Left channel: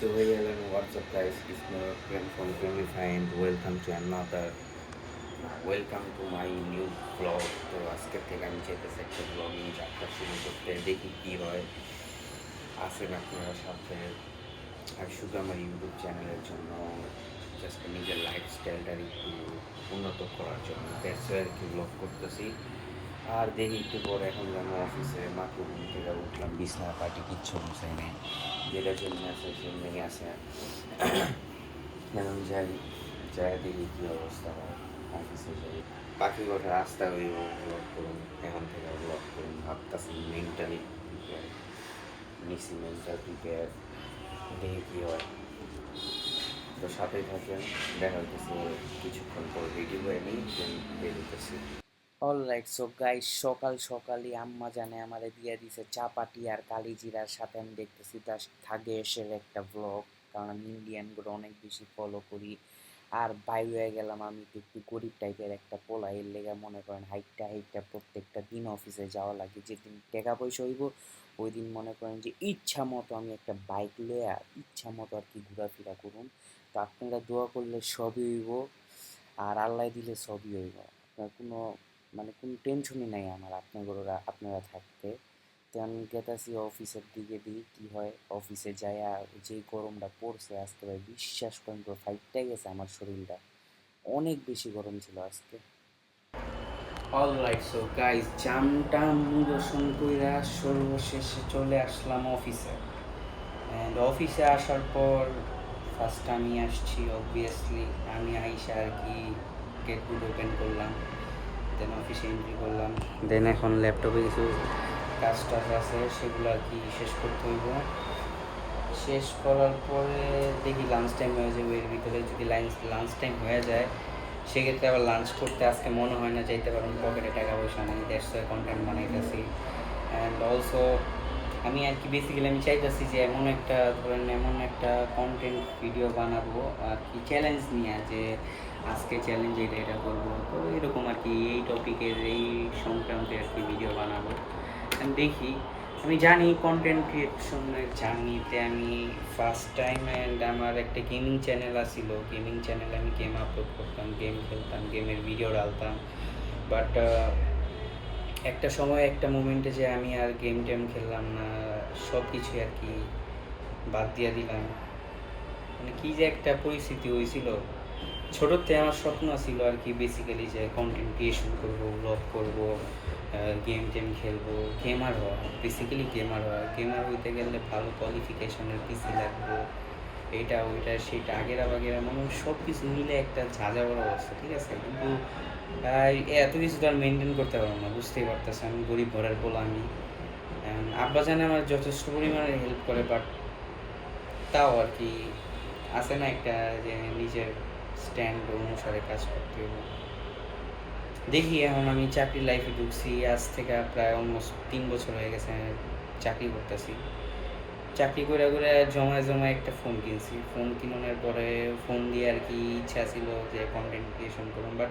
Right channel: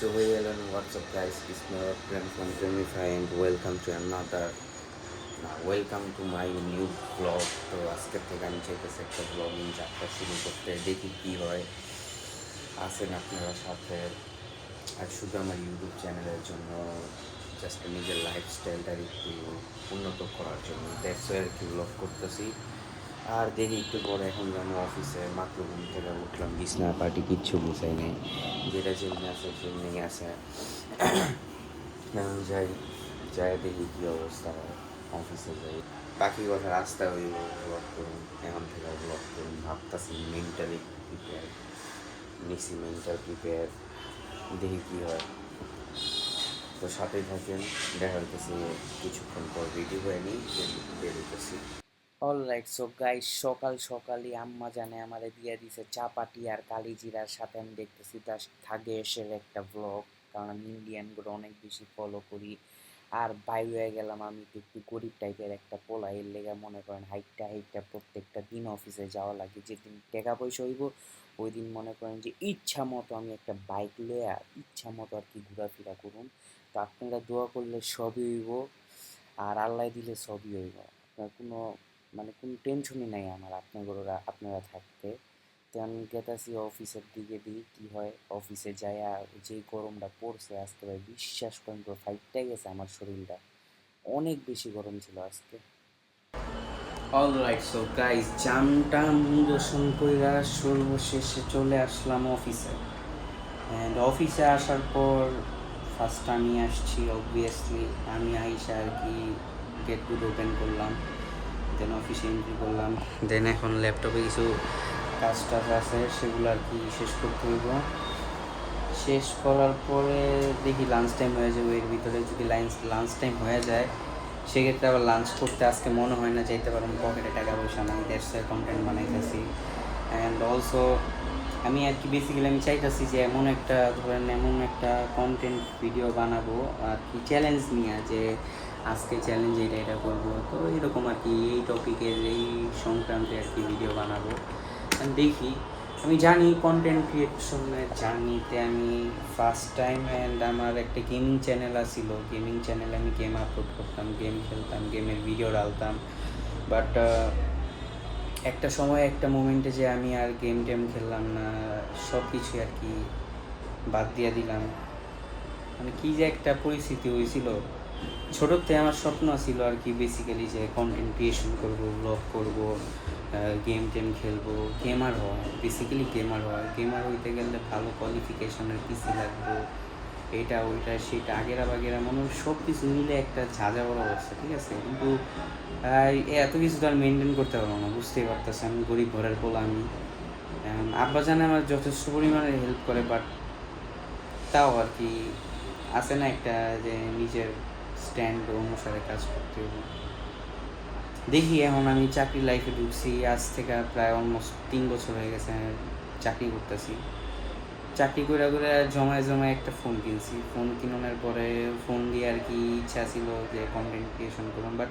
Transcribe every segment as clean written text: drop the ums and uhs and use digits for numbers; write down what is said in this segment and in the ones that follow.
So hello and what's up guys, it's my friend from Gamify and welcome to another welcome to my new vlog. তো আজকের থেকে আমি চাইতেছি একটা blogging যাত্রা শুরু করতে, দেখি কী হয়। আসেন আপনারা সাথে। আর শুধু আমার ইউটিউব চ্যানেলের জন্য, জাস্ট নিজের লাইফস্টাইলটার একটু উন্নত করার জন্য দ্যাটস আর কি ব্লগ করতেছি। আর দেখি একটু পরে এখন যেন অফিসে মাত্র ঘুম থেকে উঠলাম, বিছনা পাটি কিচ্ছু গুছাই নেই, যেটা যেমনি আছে সেমনি আছে। এখন যাই দেখি কী অবস্থা হয়, অফিসে যাই। বাকি কথা রাস্তা হইব ব্লগ করুন, এখন থেকে ব্লগ করুন ভাবতেছি। মেন্টালি প্রিপেয়ার নিছি, মেন্টাল প্রিপেয়ার, দেখি কী হয়। তো সাথেই থাকেন, দেখা হইতেছে কিছুক্ষণ পর রেডি হয়ে নিই, দেন বেরোতেছি। অলরাইট, সো গাইস, সকাল সকালই আম্মা জানে আমারে দিয়ে দিছে চাপাটি আর কালি জিরার সাথে। আমি দেখতেছি তার থাকে এসে একটা ব্লগ, কারণ আমি ইন্ডিয়ানগুলো অনেক বেশি ফলো করি। আর বাইরে হয়ে গেলাম, আমি তো একটু গরিব টাইপের একটা পোলা, এর লেগে মনে করেন হাইটটা প্রত্যেকটা দিন অফিসে যাওয়া লাগে। যেদিন টাকা পয়সা হইব ওই দিন মনে করেন যে ইচ্ছা মতো আমি একটা বাইক লইয়া ইচ্ছা মতো আর কি ঘোরাফেরা করুন। তো আপনারা দোয়া করলে সবই হইব, আর আল্লাহ দিলে সবই হইব। আপনার কোনো কোনো টেনশনই নাই আমার আপনারা থাকতে। তো আমি গেতাছি অফিসের দিকে, দিই কী হয়। অফিসে যাইয়া যে গরমটা পড়ছে আজকে, ভাই বিশ্বাস করেন তো ফাইটটাই গেছে আমার শরীরটা, অনেক বেশি গরম ছিল আজকে। অলরাইট, সো গাইস, জামটা নিরসন কইরা সর্বশেষে চলে আসলাম অফিসে। অ্যান্ড অফিসে আসার পর ফার্স্ট আমি আসছি, অবভিয়াসলি আমি আইসা আর কি গেটগুলো ওপেন করলাম, দেন অফিসে এন্ট্রি করলাম। দেন এখন ল্যাপটপে কিছু কাজ টাজ আছে, সেগুলো আর কি শেষ করতে হইব। শেষ করার পরে দেখি লাঞ্চ টাইম হয়ে যাবে। এর ভিতরে যদি লাঞ্চ টাইম হয়ে যায়, সেক্ষেত্রে আবার লাঞ্চ করতে আজকে মনে হয় না যাইতে পারবো, পকেটে টাকা পয়সা নাই, দ্যাটস কন্টেন্ট বানাইতেছি। অ্যান্ড অলসো আমি আর কি বেসিক্যালি আমি চাইতেছি যে এমন একটা কন্টেন্ট ভিডিও বানাবো আর কি, চ্যালেঞ্জ নিয়ে, যে আজকে চ্যালেঞ্জ এটা করবো। তো এরকম আর কি এই টপিকের এই সংক্রান্তে আর কি ভিডিও বানাবো। আমি দেখি, আমি জানি কন্টেন্ট ক্রিয়েশনের জার্নিতে আমি ফার্স্ট টাইম। অ্যান্ড আমার একটা গেমিং চ্যানেল আছিল, গেমিং চ্যানেলে আমি গেম আপলোড করতাম, গেম খেলতাম, গেমের ভিডিও ডালতাম। বাট একটা সময় একটা মোমেন্টে যে আমি আর গেম টেম খেললাম না, সব কিছুই আর কি বাদ দিয়ে দিলাম। মানে কী যে একটা পরিস্থিতি হয়েছিল। ছোটোর থেকে আমার স্বপ্ন ছিল আর কি বেসিক্যালি যে কন্টেন্ট ক্রিয়েশন করবো, ব্লগ করবো, গেম টেম খেলবো, গেমার হওয়া, বেসিক্যালি গেমার হওয়া। গেমার হইতে গেলে ভালো কোয়ালিফিকেশনের পিসি লাগবো, এইটা ওইটা সেটা আগেরা বাগেরা মনে সব কিছু মিলে একটা ঝাঁঝা বড় অবস্থা, ঠিক আছে। কিন্তু এত কিছু তো আর মেনটেন করতে পারবো না, বুঝতেই পারতেছি আমি গরিব ঘরের পোলা। আমি আব্বা জানে আমার যথেষ্ট পরিমাণে হেল্প করে, বাট তাও আর কি আছে না একটা যে নিজের স্ট্যান্ড অনুসারে কাজ করতে হবে। দেখি এখন আমি চাকরি লাইফে ঢুকছি, আজ থেকে প্রায় অলমোস্ট 3 বছর হয়ে গেছে চাকরি করতেছি। চাকরি করে জমায় একটা ফোন কিনছি। ফোন কিনানোর পরে ফোন দিয়ে আর কি ইচ্ছা ছিল যে কন্টেন্ট ক্রিয়েশন করুন। বাট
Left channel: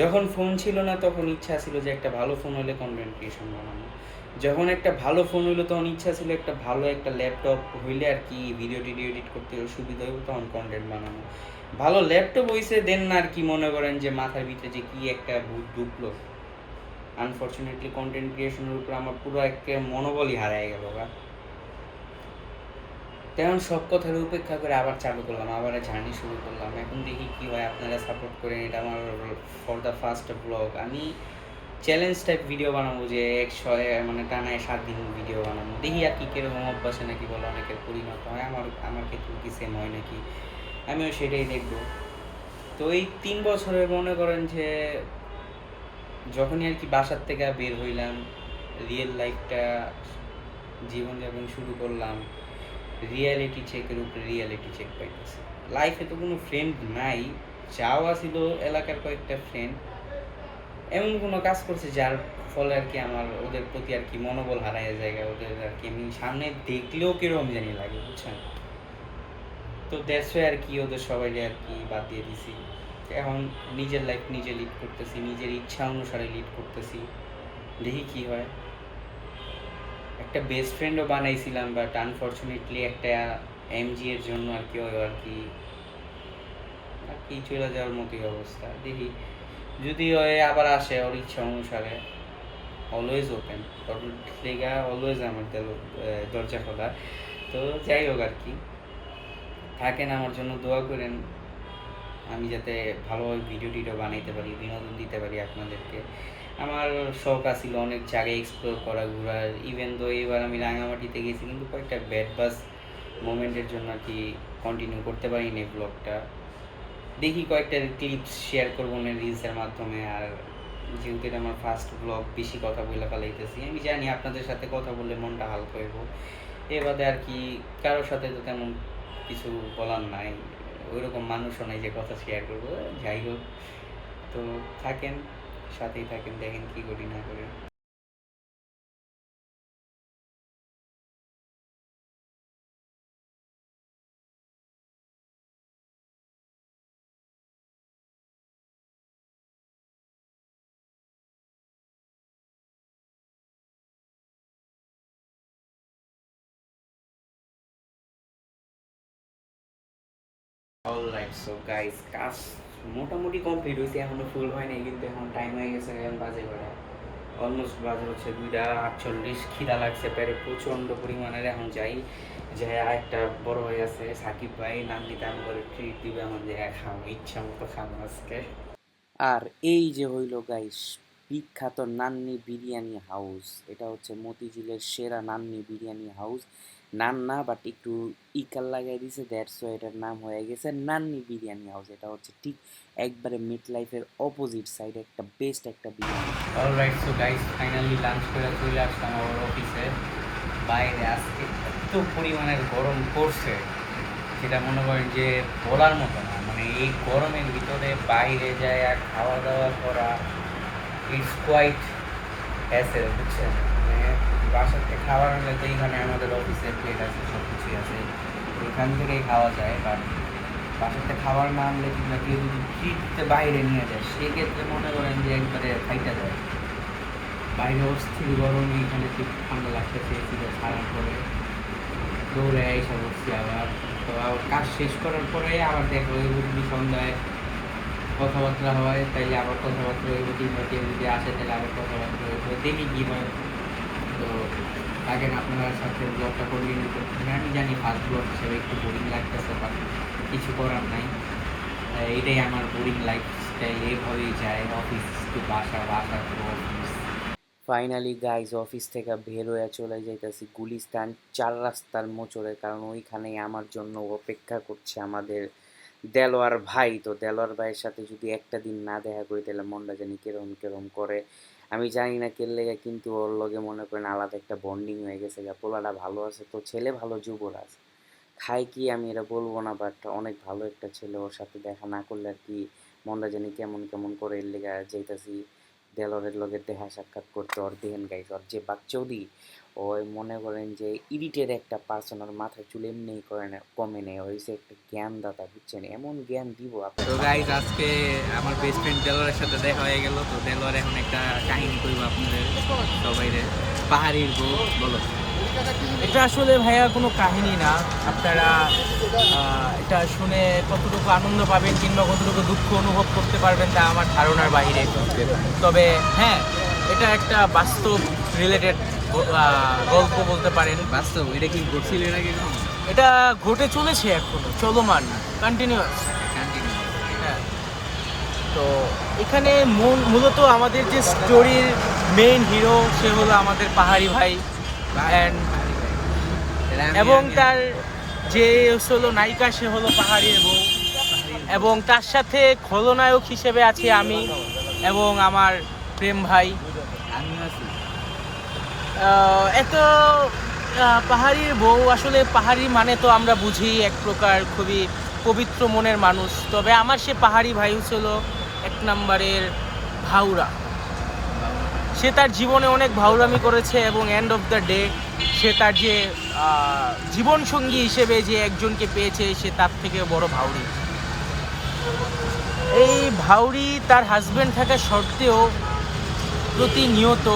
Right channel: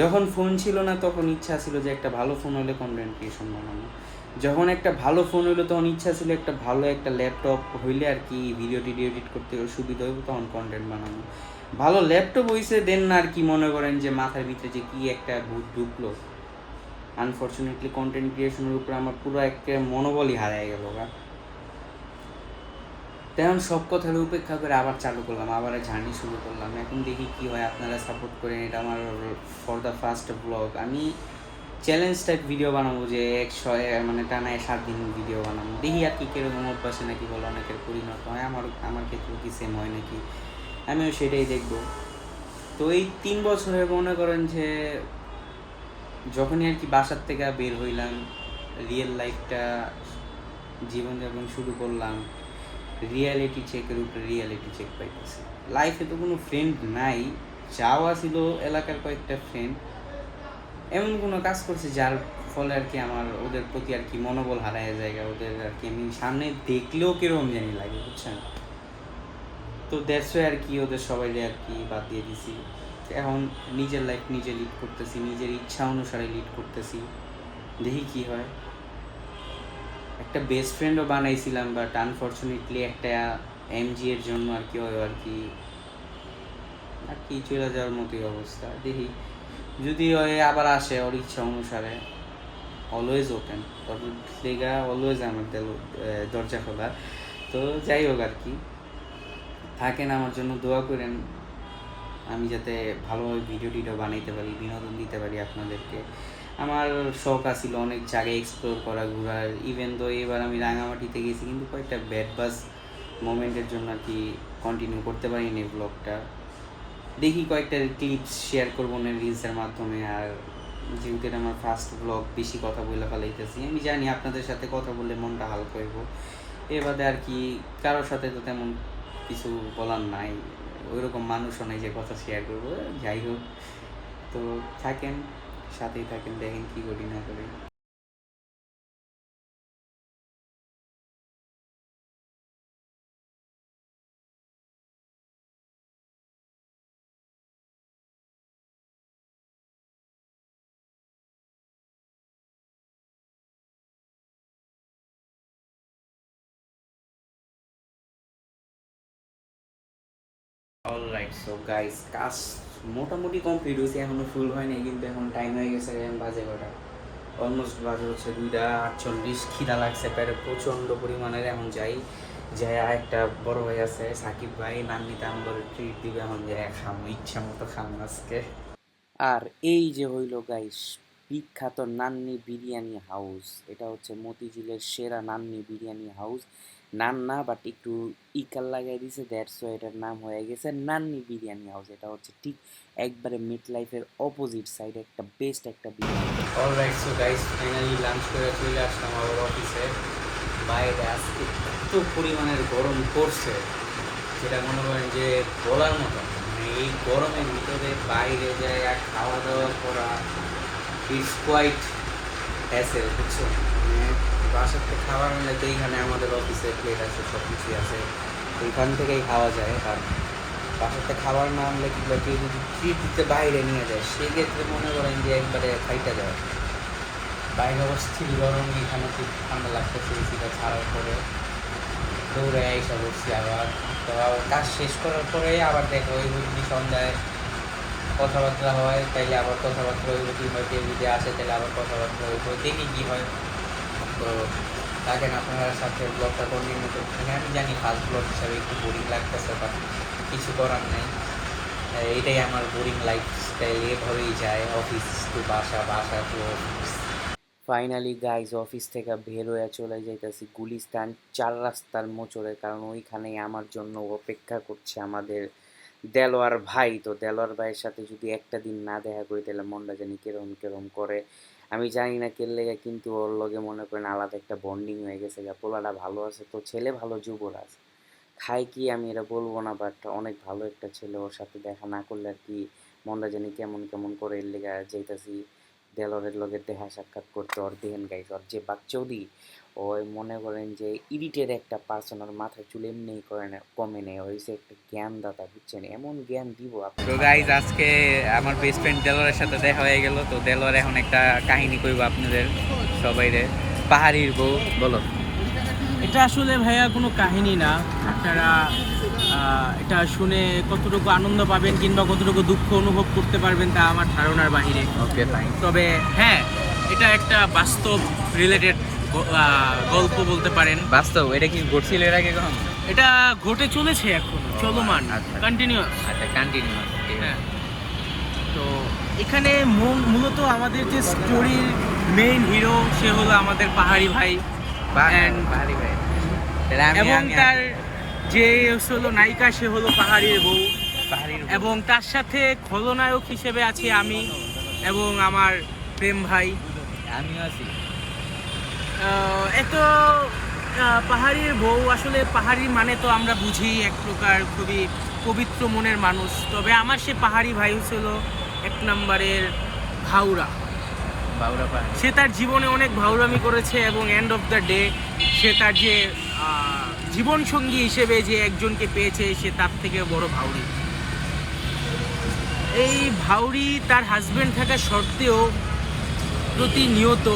যখন ফোন ছিল না তখন ইচ্ছা ছিল যে একটা ভালো ফোন হলে কন্টেন্ট ক্রিয়েশন বানানো। যখন একটা ভালো ফোন হইলো তখন ইচ্ছা ছিল একটা ভালো একটা ল্যাপটপ হইলে আর কি ভিডিও টিডিও এডিট করতে সুবিধা হইব, তখন কন্টেন্ট বানানো। ভালো ল্যাপটপ হইছে দেন না আর কি মনে করেন যে মাথার ভিতরে যে কী একটা ভূত ঢুকলো। আনফর্চুনেটলি কন্টেন্ট ক্রিয়েশনের উপরে আমার পুরো একটা মনোবলই হারায় গেল। তেমন সব কথার উপেক্ষা করে আবার চালু করলাম, আবার জার্নি শুরু করলাম। এখন দেখি কী হয়, আপনারা সাপোর্ট করেন। এটা আমার ফর দ্য ফার্স্ট ব্লগ। আমি চ্যালেঞ্জ টাইপ ভিডিও বানাবো, যে টানায় 7 দিন ভিডিও বানাবো। দেখি আর কি কীরকম অভ্যাসে নাকি বলে অনেকের পরিণত হয়, আমার ক্ষেত্রেও কি সেম হয় নাকি, আমিও সেটাই দেখব। তো এই 3 বছরে মনে করেন যে যখনই আর কি বাসার থেকে বের হইলাম, রিয়েল লাইফটা জীবনযাপন শুরু করলাম, রিয়ালিটি চেকের উপরে রিয়ালিটি চেক পাইতেছি। লাইফে তো কোনো ফ্রেন্ড নাই, যাওয়া ছিল এলাকার কয়েকটা ফ্রেন্ড, এমন কোনো কাজ করছে যার ফলে আর কি আমার ওদের প্রতি আর কি মনোবল হারায় জায়গা। ওদের আর কি আমি সামনে দেখলেও কীরকম জানি লাগে, বুঝছেন। তো দ্যাটস আর কি ওদের সবাই আর কি বাদ দিয়ে দিছি। এখন নিজের লাইফ নিজে লিড করতেছি, নিজের ইচ্ছা অনুসারে লিড করতেছি, দেখি কী হয়। একটা বেস্ট ফ্রেন্ডও বানাইছিলাম, বাট আনফর্চুনেটলি একটা এমজি এর জন্য আর কি আর কি চলে যাওয়ার মতোই অবস্থা। দেখি যদি ওই আবার আসে ওর ইচ্ছা অনুসারে, অলওয়েজ ওপেন, ওর লেগা অলওয়েজ আমার দরজা খোলা। তো যাই হোক আর কি, থাকেন, আমার জন্য দোয়া করেন, আমি যাতে ভালোভাবে ভিডিও টিডিও বানাইতে পারি, বিনোদন দিতে পারি আপনাদেরকে। আমার শখ আছিল অনেক জায়গায় এক্সপ্লোর করা, ঘোরার। ইভেন তো এবার আমি রাঙামাটিতে গেছি, কিন্তু কয়েকটা ব্যাড বাস মোমেন্টের জন্য আর কি কন্টিনিউ করতে পারিনি ব্লগটা। দেখি কয়েকটা ক্লিপস শেয়ার করবো না রিলসের মাধ্যমে। আর যেহেতু এটা আমার ফার্স্ট ব্লগ, বেশি কথা বলে ফেলাইতেছি, আমি জানি আপনাদের সাথে কথা বললে মনটা হালকা হইব। এবারে আর কি কারোর সাথে তো তেমন কিছু বলার নাই, ওইরকম মানুষও নাই যে কথা শেয়ার করবো। যাই হোক, তো থাকেন, সাথেই থাকেন, দেখেন কী করি না করি। অলরাইট, সো গাইস, কাজ মোটামুটি কমপ্লিট হয়েছে, এখনও ফুল হয়নি, কিন্তু এখন টাইম হয়ে গেছে, এখন বাজে কটা, অলমোস্ট বাজে হচ্ছে 2:48। খিদা লাগছে পেটে প্রচণ্ড পরিমাণের। এখন যাই, একটা বড় হয়ে আছে সাকিব ভাই, নান্নিতে আমাদের ট্রিট দিবে, এখন খামো, ইচ্ছা মতো খামো আজকে। আর এই যে হইল গাইস বিখ্যাত নান্নি বিরিয়ানি হাউস, এটা হচ্ছে মতিঝিলের সেরা নান্নি বিরিয়ানি হাউস। নান্না বাট একটু ইকাল লাগাই দিছে, দ্যাটস ওয়াই এটার নাম হয়ে গেছে নান্নি বিরিয়ানি হাউস। এটা হচ্ছে ঠিক একবারে মিড লাইফের অপোজিট সাইডে একটা বেস্ট একটা biryani. Alright, so guys, finally lunch করে চলে আসলাম আমার অফিসে। বাইরে আজকে এত পরিমাণের গরম পড়ছে, যেটা মনে করেন যে বলার মতো না। মানে এই গরমের ভিতরে বাইরে যায় আর খাওয়া দাওয়া করা ইটস কোয়াইট হ্যাসেল, বুঝছেন? মানে বাসার থেকে খাবার আনলে তো এইখানে আমাদের অফিসে প্লেট আছে, সব কিছুই আছে, ওইখান থেকেই খাওয়া যায়। কারণ বাসার থেকে খাবার না আনলে কিংবা কেউ যদি ট্রিট দিতে বাইরে নিয়ে যায়, সেক্ষেত্রে মনে করেন যে একবারে খাইটা যায়। বাইরে অবস্থির গরম, এইখানে খুব ঠান্ডা লাগতেছে, এসিটা ছাড়ার পরে দৌড়ে এসে বসছি আবার। তো কাজ শেষ করার পরে আবার দেখো, ওই যদি সন্ধ্যায় কথাবার্তা হয় তাইলে আবার কথাবার্তা যদি হয়, কেউ যদি আসে তাহলে আবার কথাবার্তা হয়, তো দেখি কী হয়। তো থাকেন, আপনার সাথে ব্লগটা কন্টিনিউ করতে। আমি জানি ফার্স্ট ব্লগ হিসাবে একটু বোরিং লাগতেছে, বাট কিছু করার নাই, এটাই আমার বোরিং লাইফস্টাইল, এভাবেই যায়, অফিস টু বাসা, বাসা to office. Finally guys office থেকে বের হয়ে চলে যাইতেছি গুলিস্তান 4 রাস্তার মোচড়ে, কারণ ওইখানেই আমার জন্য অপেক্ষা করছে আমাদের দেলোয়ার ভাই। তো দেলোয়ার ভাইয়ের সাথে যদি একটা দিন না দেখা করি তাহলে মনটা জানি কেরম কেরম করে, আমি জানি না কের লেগে, কিন্তু ওর লগে মনে করেন আলাদা একটা বন্ডিং হয়ে গেছে। পোলাটা ভালো আছে, তো ছেলে ভালো, যুবরাজ খায় কি আমি এটা বলবো না, বাট অনেক ভালো একটা ছেলে। ওর সাথে দেখা না করলে আর কি মনটা জানি কেমন কেমন করে, এর লেগে যাইতাছি দেলোয়ারের লগে দেখা সাক্ষাৎ করতে। ওর দেখেন গাইস, ওর যে বাকচৌদি, ওই মনে করেন যে ইরিটের একটা পার্সন, ওর মাথায় চুল এমনি করে না, কমে নেই, হয়েছে একটা জ্ঞান দাতা, বুঝছেন? এমন জ্ঞান দিব আপনার। তো গাইস, আজকে আমার বেস্ট ফ্রেন্ড দেলোয়ারের সাথে দেখা হয়ে গেল। তো দেলোয়ার এখন একটা কাহিনী কইব আপনাদের সবাইরে, পাহাড়ির বউ। বলো। এটা আসলে ভাইয়া কোনো কাহিনী না, আপনারা এটা শুনে কতটুকু আনন্দ পাবেন কিংবা কতটুকু দুঃখ অনুভব করতে পারবেন তা আমার ধারণার বাহিরে। তবে হ্যাঁ, এটা একটা বাস্তব রিলেটেড গল্প বলতে পারেন। বাস্তব? এটা কি ঘটছিল এর আগে কখনো? এটা ঘটে চলেছে, এখনো চলমান, কন্টিনিউয়াস। কন্টিনিউ। হ্যাঁ, তো এখানে মূলত আমাদের যে স্টোরির মেইন হিরো, সে হলো আমাদের পাহাড়ি ভাই, এবং তার যে হলো নায়িকা, সে হলো পাহাড়ির বউ, এবং তার সাথে খলনায়ক হিসেবে আছি আমি এবং আমার প্রেম ভাই, আমিও আছি। এত পাহাড়ির বউ, আসলে পাহাড়ি মানে তো আমরা বুঝি এক প্রকার খুবই পবিত্র মনের মানুষ। তবে আমার সে পাহাড়ি ভাই ছিল এক নম্বরের ভাউরা। সে তার জীবনে অনেক ভাউরামি করেছে, এবং এন্ড অফ দ্য ডে সে তার যে জীবনসঙ্গী হিসেবে যে একজনকে পেয়েছে, সে তার থেকে বড় ভাউরি। এই ভাউরি তার হাজবেন্ড থাকা সত্ত্বেও প্রতিনিয়ত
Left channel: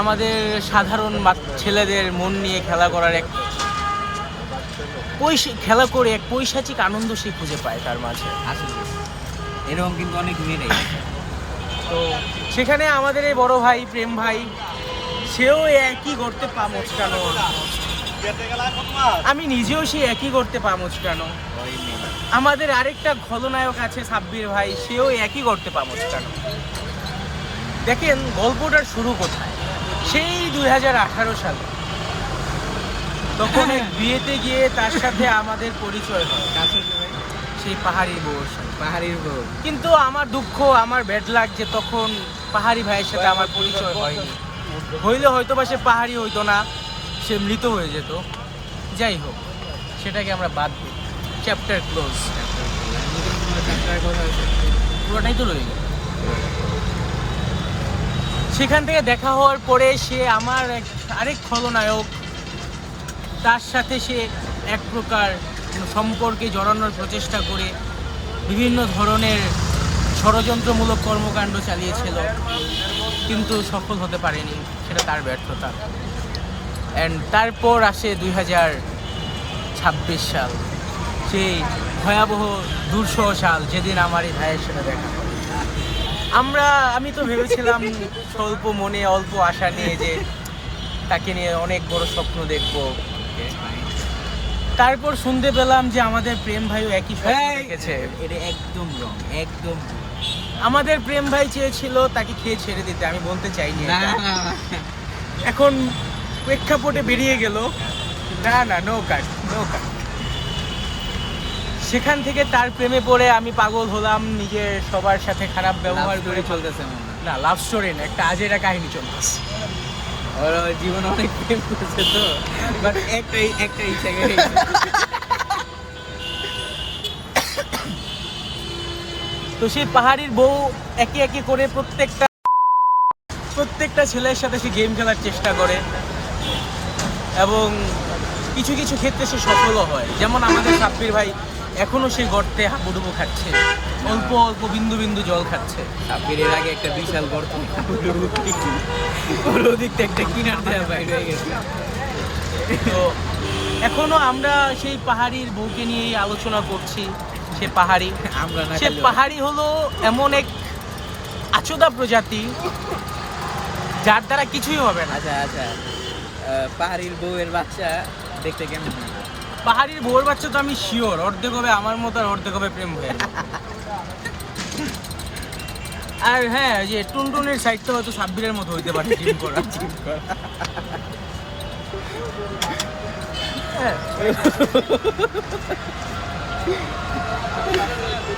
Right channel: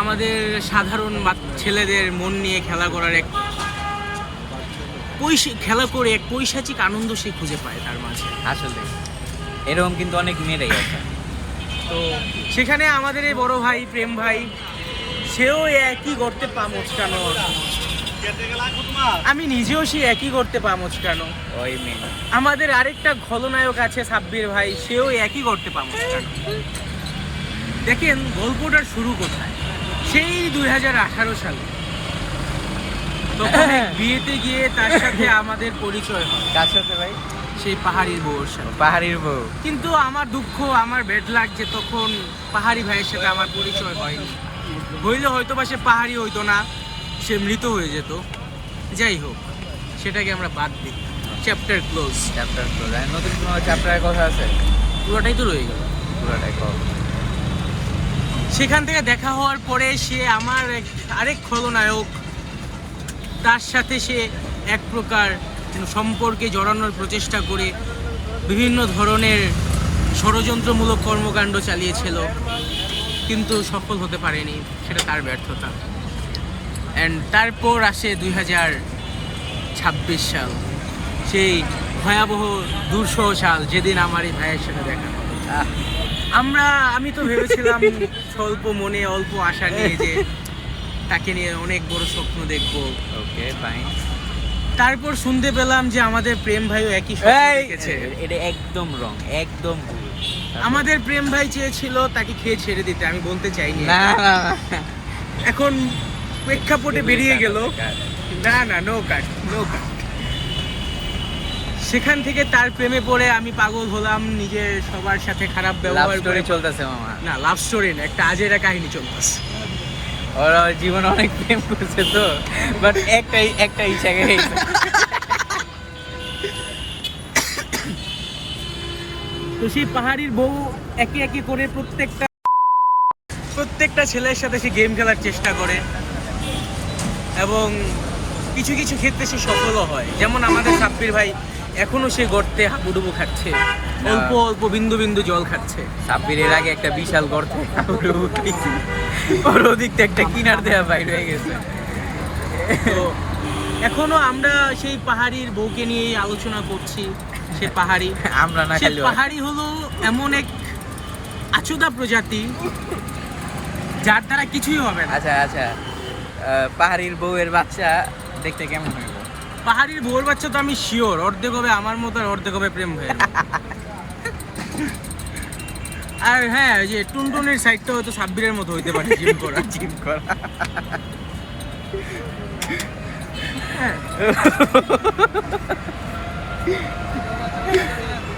আমাদের সাধারণ ছেলেদের মন নিয়ে খেলা করার এক খেলা করে এক পৈশাচিক আনন্দ সে খুঁজে পায় তার মাঝে। আসলে এরকম কিন্তু অনেক মেয়েরাই আছে। তো সেখানে আমাদের এই বড় ভাই প্রেম ভাই, সেও একই করতে পা মচকানো, আমি নিজেও সে একই করতে পা মচকানো। ওই মেয়ে আমাদের আরেকটা খলনায়ক আছে সাব্বির ভাই, সেও একই করতে পা মচকানো। দেখেন গল্পটার শুরু কোথায়, সেই 2018 সালে তখন এক বিয়েতে গিয়ে তার সাথে আমাদের পরিচয় হয়। কার সাথে ভাই? সেই পাহাড়ির বউর সাথে। পাহাড়ির বউ। কিন্তু আমার দুঃখ, আমার ব্যাড লাগ যে তখন পাহাড়ি ভাইয়ের সাথে আমার পরিচয় হয়নি। হইলে হয়তো বা সে পাহাড়ি হইতো না, সে মৃত হয়ে যেত। যাই হোক, সেটাকে আমরা বাদ দিই, চ্যাপ্টার ক্লোজ। Chapter close. নতুন কোনো চ্যাপ্টারের কথা আছে? পুরোটাই তো রয়ে গেল। পুরোটাই কর। সেখান থেকে দেখা হওয়ার পরে সে আমার আরেক খলনায়ক, তার সাথে সে এক প্রকার সম্পর্কে জড়ানোর প্রচেষ্টা করে বিভিন্ন ধরনের ষড়যন্ত্রমূলক কর্মকাণ্ড চালিয়েছিল, কিন্তু সফল হতে পারেনি, সেটা তার ব্যর্থতা। অ্যান্ড তারপর আসে 2026 সাল, সেই ভয়াবহ দুঃসহ সাল, যেদিন আমার এই ভাইয়ের সাথে দেখা হলো। আমি তো ভেবেছিলাম স্বল্প মনে অল্প আশা নিয়ে যে তাকে নিয়ে অনেক বড় স্বপ্ন দেখবো। Okay fine. তারপর শুনতে পেলাম যে আমাদের প্রেম ভাইও একই স্বপ্ন দেখেছে। এটা একদম রং, একদম ভুল। আমাদের প্রেম ভাই চেয়েছিল তাকে খেয়ে ছেড়ে দিতে, আমি বলতে চাইনি। না এখন প্রেক্ষাপটে বেরিয়ে গেল, না না, নো কাট, নো কাট। সেখান থেকে তার প্রেমে পড়ে আমি পাগল হলাম, নিজে সবার সাথে খারাপ ব্যবহার করে চলতেছে মামা। না, লাভ স্টোরি না, একটা আজেরা কাহিনী চলতেছে। ওরা জীবন অনেক প্রেম করছে তো, বাট একটা ইচ্ছা গেছে। তো সেই পাহাড়ির বউ একে একে করে প্রত্যেকটা ছেলের সাথে সে গেম খেলার চেষ্টা করে, এবং কিছু কিছু ক্ষেত্রে সে সফলও হয়। যেমন আমাদের সাব্বির ভাই এখনো সে গর্তে হাবুডুবু খাচ্ছে, অল্প অল্প বিন্দু বিন্দু জল খাচ্ছে। সাব্বির এর আগে একটা বিশাল গর্ত ওর ওদিকটা একটা কিনার দেওয়া বাইর হয়ে গেছে। তো এখনো আমরা সেই পাহাড়ির বউকে নিয়ে আলোচনা করছি। সে পাহাড়ি, আমরা না সে খাইলেও পাহাড়ি হলো এমন এক আচোদা প্রজাতি যার দ্বারা কিছুই হবে না। আচ্ছা আচ্ছা, পাহাড়ির বউয়ের বাচ্চা দেখতে কেমন হইল? পাহাড়ির বউয়ের বাচ্চা তো আমি শিওর অর্ধেক হবে আমার মতো আর অর্ধেক হবে প্রেম ভাইয়ের মতো। আর হ্যাঁ, ওই যে টুনটুনের সাইডটা হয়তো সাব্বিরের মতো হইতে পারে, জিম করা। জিম করা।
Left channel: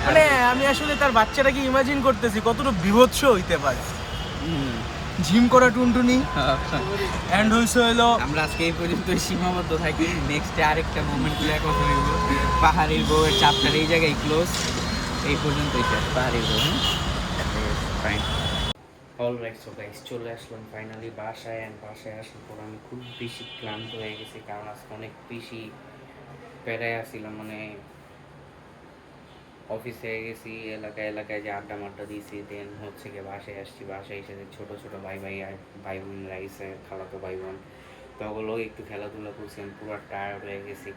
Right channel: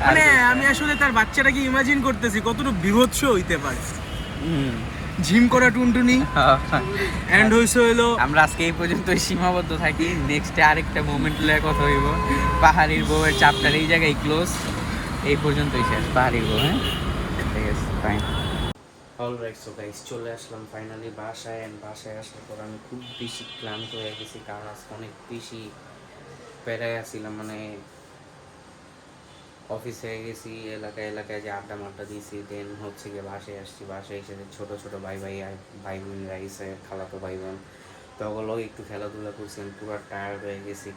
মানে আমি আসলে তার বাচ্চাটাকে ইমাজিন করতেছি কতটুকু বিভৎস হইতে পারে। জিম করা টুনটুনি এন্ড হইছে হইলো। আমরা আজকে এই পর্যন্তই সীমাবদ্ধ থাকি, নেক্সটে আরেকটা মোমেন্ট লয়ে কথা হইব। পাহাড়ির বউয়ের চ্যাপ্টার এই জায়গায় ক্লোজ, এই পর্যন্তই শেষ পাহাড়ির বউ। হ্যাঁ ফাইন। অলরাইট, সো গাইস চলে আসলাম ফাইনালি বাসায়। অ্যান্ড বাসায় আসার পর আমি খুব বেশি ক্লান্ত হয়ে গেছি, কারণ আজকে অনেক বেশি প্যারায় আসছিলাম। মানে অফিসে গেছি, এলাকায় যে আড্ডা মাড্ডা দিয়েছি, দেন হচ্ছে গিয়ে বাসায় আসছি। বাসায় এসে ছোটো ছোটো ভাই বোনরা এসে, খালাতো ভাই বোন, তো ওগুলো একটু খেলাধুলা করছি, পুরো টায়ার্ড হয়ে গেছি।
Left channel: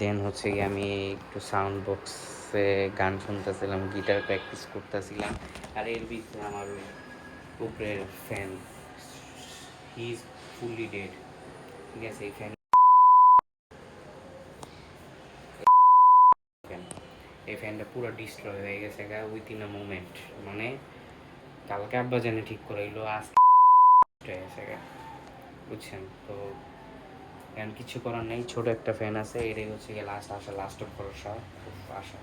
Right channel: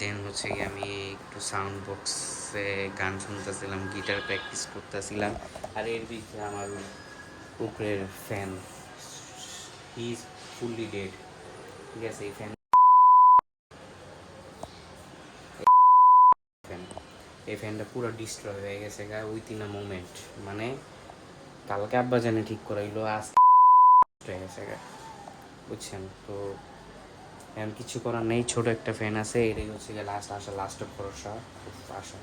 দেন হচ্ছে গিয়ে আমি একটু সাউন্ড বক্সে গান শুনতেছিলাম, গিটার প্র্যাকটিস করতেছিলাম। আর এর ভিতরে আমার উপরের fan, he is fully dead, ঠিক আছে? এই ফ্যানটা পুরো ডিস্ট্রয় হয়ে গেছে উইথিন আ মোমেন্ট। মানে কালকে আব্বা জানে ঠিক করাইলো, আজ হয়ে গেছে বুঝছেন? তো এখন কিছু করার নেই, ছোট একটা ফ্যান আছে, এটাই হচ্ছে গিয়ে লাস্ট ভরসা, খুব আশা।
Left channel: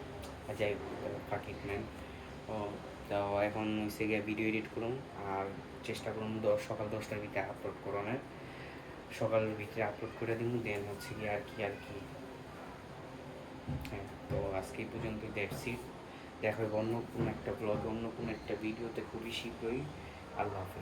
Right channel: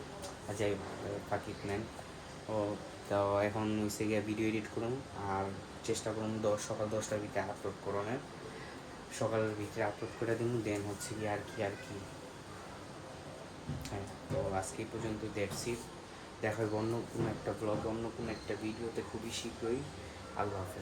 যাই পাকিট নেন ও। তো এখন হচ্ছে গিয়ে ভিডিও এডিট করুন, আর চেষ্টা করুন সকাল 10টার ভিতরে আপলোড করুন। সকালের ভিতরে আপলোড করে দিন, দেন হচ্ছে গিয়ে আর কি হ্যাঁ। তো আজকে এই পর্যন্ত দেখছি, দেখা হবে অন্য কোনো একটা ব্লগ, অন্য কোনো একটা ভিডিওতে খুবই শীঘ্রই। আল্লাহ হাফেজ।